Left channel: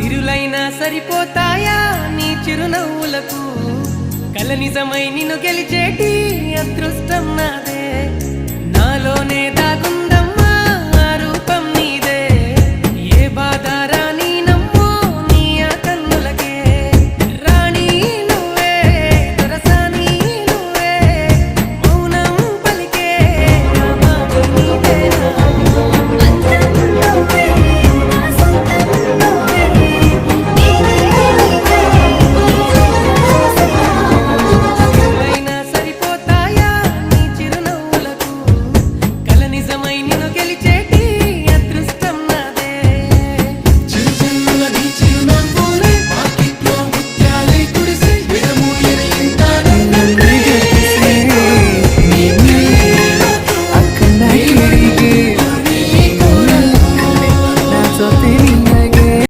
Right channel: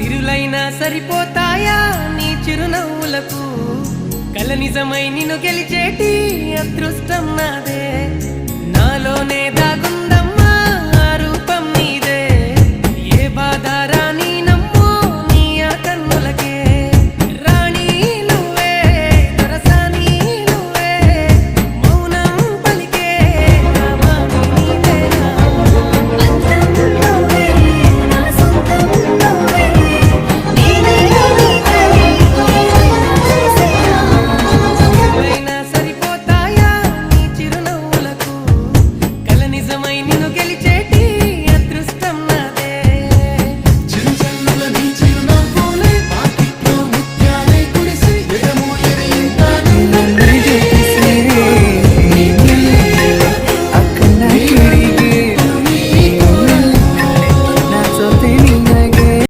సిరులైనా సరిపోతాయా నీ చిరునవ్వులకు కల నిజమై నిన్ను గెలిచేటి అదృష్టం నాదే నాలోనే దాగుందమ్మా ఆ రూపం నీదే ఏ బాధ రాని